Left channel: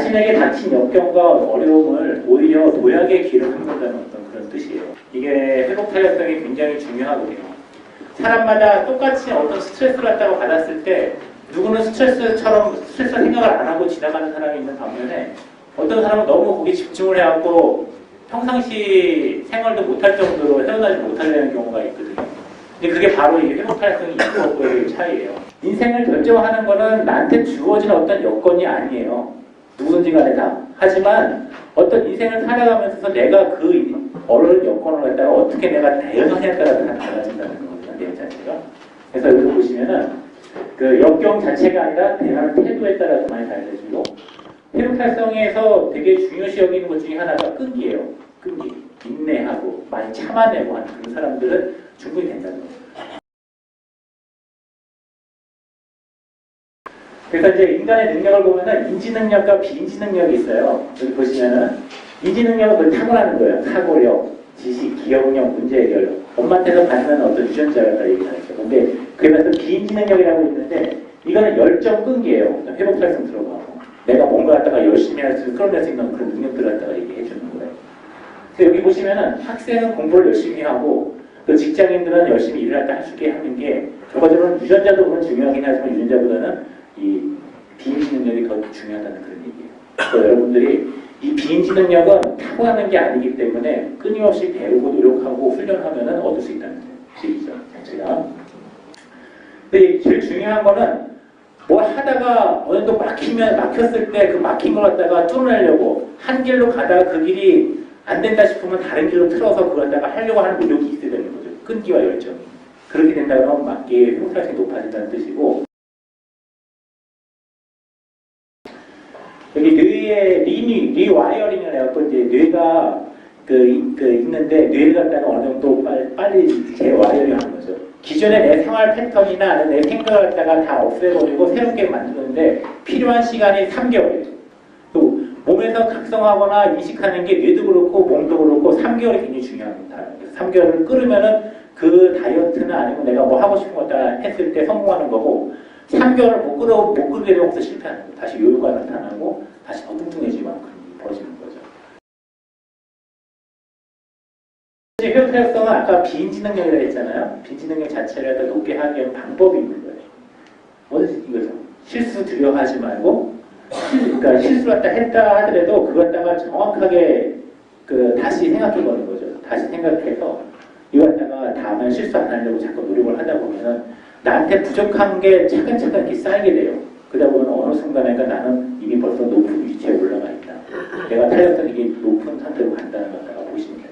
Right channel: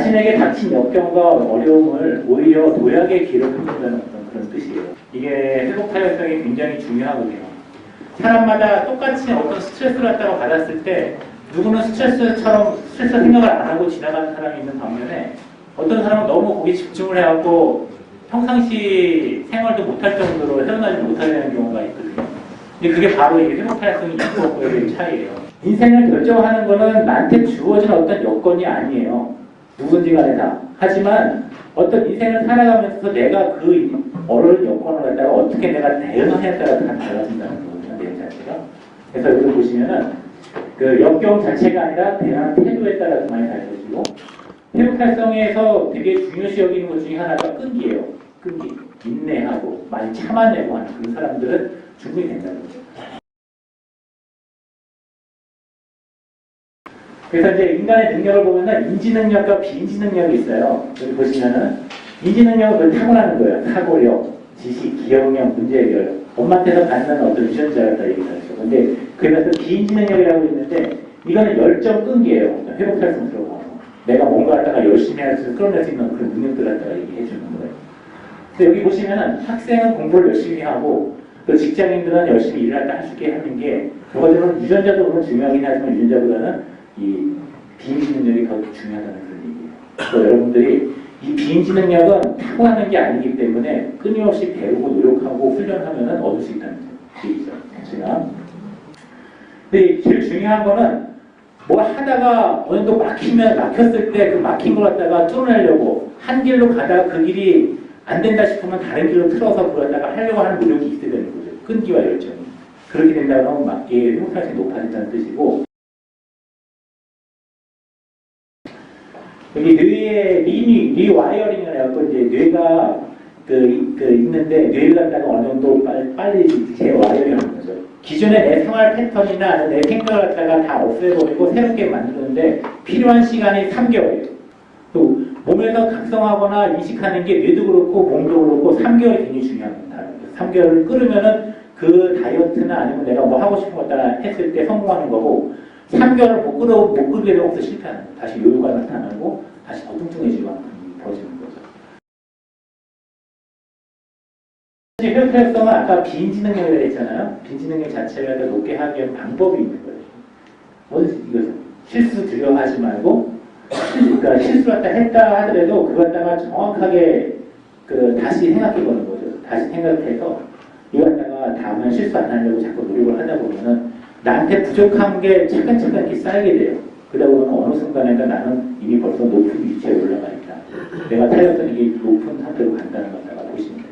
자신에게 닥친 역경과 어려움을 오히려 도약의 길을 흔든다는 어떤 그런 뜻이에요. 이게 회복 탄력성이 굉장히 중요하거든요. 사람마다 똑같이 어떤 스트레스를 갖다가 받았을 때 누구는 스트레스 생각을 안 하고 지나가는 사람이 있는 반면에 어떤 사람은 너무 거기에 집중을 해갖고 평상시 생활도 못할 정도로 헤어나지 못하는 경우가 있거든요. 근데 그게 바로 이 회복 탄력성이 있고 없고의 차이예요. 인생을 결정하는 거는 나한테 주어진 어떤 여건이 아니에요. 누구든지 간에 다. 하지만 어떤 인생을 살아가면서 내가 그 어려운 여건을 갖다가 어떻게 내가 대응하냐에 따라 다 달라진다는 거거든요. 내용 자체가. 그래서 여기서 보시면은 그 역경 자체가 아니라 대응하는 태도에 따라서 많이 달라지고 회복 탄력성에서 되게 중요시 여기는 것 중에 하나가 끈기예요. 끈기. 인내하고 많이 참아내고 하는 그런 사람들은 충분히 된다는 거죠. 그래서 이제 인간의 능력을 보면은 인지 능력과 비인지 능력이 있어요. 여기 보시면은 인지 능력은 그걸 타고나는 거예요. 사고력, 지식, 기억력, 문제 해결. 엄마한테서 받는 어떤 유전자였다 얘기를 하죠. 근데 그러면서 비인지 능력이라고 있는데 이거는 열정 끈기예요. 회복 탄력성 들어가고 내가 뭔가 갖다가 열심히 할 수 끌어낼 수 있는 그런 능력들 갖다가 얘기해 주는 거예요. 근데 여기 보시면은 학생은 공부를 열심히 하고 또 직장인들은 열심히 일을 할 수 있게 하는 게 결과적으로는 유전자도 물론 중요하긴 하지만 유전자보다는 이 비인지 능력이 더 중요하다는 그런 얘기예요. 그래서 여러분들이 이 비인지 능력은 타고나는 게 아니기 때문에 끊임없이 배우고 노력하고 훈련하면 얻을 수 있다는 얘기죠. 제가. 근데 제일 중요한 거는 뭐 하다가 어느 정도 막혔을 때 그 막힌 걸 갖다가 뚫어내려고 한 길로 가다가 그 길이 안 된다 싶으면 다른 길로 틀어서 그걸 갖다가 하려고 하는 노력이 있어야 되는 거죠. 끈기와 열정이. 그렇게 된다면 맞게 회복 탄력성이 높아진다는 뜻이고 여기 뇌의 리와이어링을 해갖고 이제 뇌가 있는데 뇌를 갖다가 어느 정도 빨리 재와이어링 하는 거죠. 기존의 내 생활 패턴이나 내 생각을 갖다가 다 없애버리고 새롭게 만드는데 필요한 시간이 3개월이에요. 또 몸에서 각성하거나 인식하는 게 뇌도 그렇고 몸도 그렇고 3개월이 굉장히 중요합니다. 3개월을 끌으면은 그 다이어트나 아니면 내가 뭐 하고 싶은 거 따라 했을 때 성공하는 거고 3개월을 못 끌게 되면 없어 실패하는 거예요. 다시 요요가 나타나고 다시 더 뚱뚱해지고 벌어지는 거죠. 회복 탄력성은 아까 비인지 능력이라고 했잖아요. 비인지 능력 자체를 높게 하기 위한 방법이 있는 거예요. 뭐든지 이거죠. 실수 두려워하지 말고 그러니까 실수를 했다 하더라도 그걸 갖다가 정확하게 다시 생각해보는 거죠. 다시 생각해서 이걸 갖다가 다음엔 실수 안 하려고 자꾸 노력을 하다 보면은 나한테 부족한 게 차근차근 이렇게 쌓이게 돼요. 그러다 보면 어느 순간에가 나는 이미 벌써 높은 위치에 올라가 있다. 내가 탄력성이 높은 상태로 간다는 걸 갖다가 보시면 돼요.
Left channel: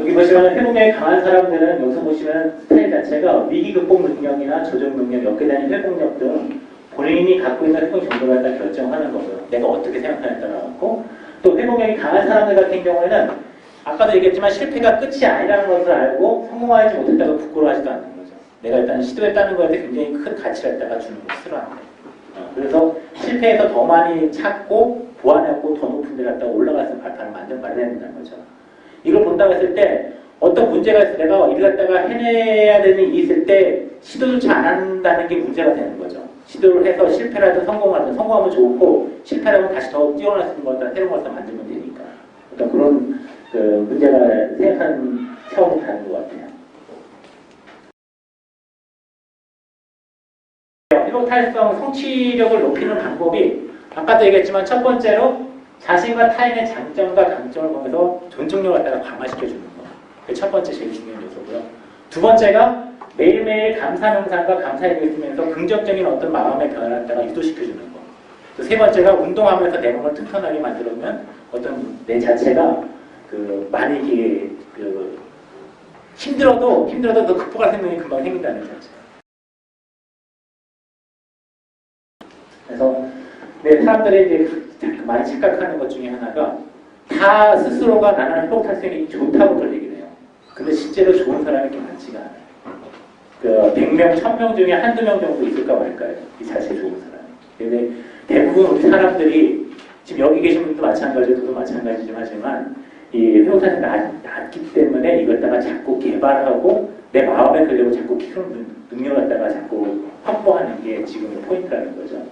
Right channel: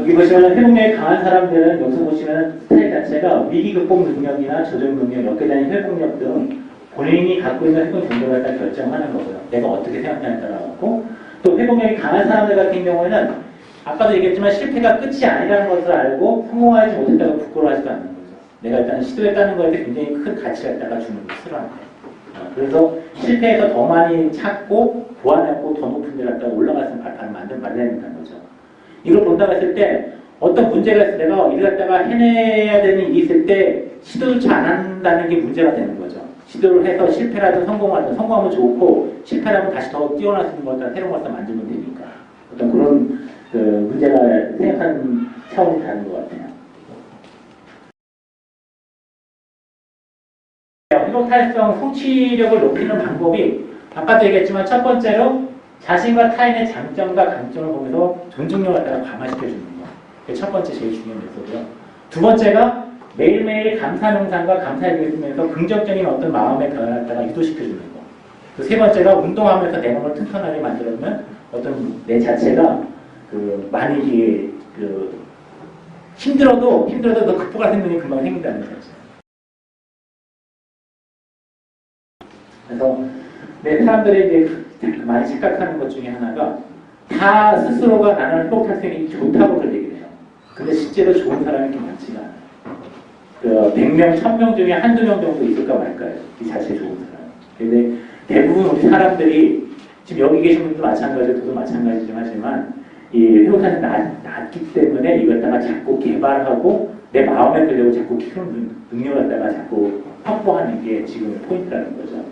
여기 보시면 회복력이 강한 사람들은 여기서 보시면 스타일 자체가 위기 극복 능력이나 조정 능력, 역계단위 회복력 등 본인이 갖고 있는 회복 정도를 갖다 결정하는 거고요. 내가 어떻게 생각하냐에 따라 갖고 또 회복력이 강한 사람들 같은 경우에는 아까도 얘기했지만 실패가 끝이 아니라는 것을 알고 성공하지 못했다고 부끄러워하지도 않는 거죠. 내가 일단 시도했다는 거에 굉장히 큰 가치를 갖다가 주는 거 싫어한대. 그래서 실패해서 더 많이 찾고 보완하고 더 높은 데를 갖다가 올라갈 수 있는 발판을 마련해낸다는 거죠. 이걸 본다고 했을 때 어떤 문제가 있을 때 내가 이를 갖다가 해내야 되는 일이 있을 때 시도조차 안 한다는 게 문제가 되는 거죠. 시도를 해서 실패라든 성공하든 성공하면 좋고 실패하면 다시 더 뛰어날 수 있는 걸 갖다 새로운 걸 갖다 만들면 되니까 어떤 그런 문제가 생각하는 차원이 다른 것 같아요. 회복 탄력성 성취력을 높이는 방법이 아까도 얘기했지만 첫 번째로 자신과 타인의 장점과 강점을 보면서 존중력을 갖다가 강화시켜주는 거. 그게 첫 번째 제일 중요한 요소고요. 두 번째가 매일매일 감사 명상과 감사 얘기를 쓰면서 긍정적인 어떤 마음의 변화를 갖다가 유도시켜주는 거. 또 세 번째가 운동하면서 내 몸을 튼튼하게 만들어주면 어떤 내 자체가 많이 힘들어도 그 극복할 생명이 금방 생긴다는 자체. 그래서 사람들이 이제 많이 착각하는 것 중에 하나가 다 스스로가 나는 회복 탄력성이 좋다고들 얘기를 해요. 근데 실제로 좋은 사람이 이렇게 많지가 않아요. 100명, 1000명 중에 한두 명 정도 있을까 말까요? 이 자체 좋은 사람이. 근데 대부분 우리 사람들이 지금 여기 계신 분도 마찬가지고 저도 마찬가지지만 이 회복 탄력성이 낮기 때문에 이걸 갖다가 자꾸 개발하고 내 마음에 끌려고 자꾸 키우는 능력을 갖다가 자꾸 확보하는 게 지금의 포인트라는 거죠.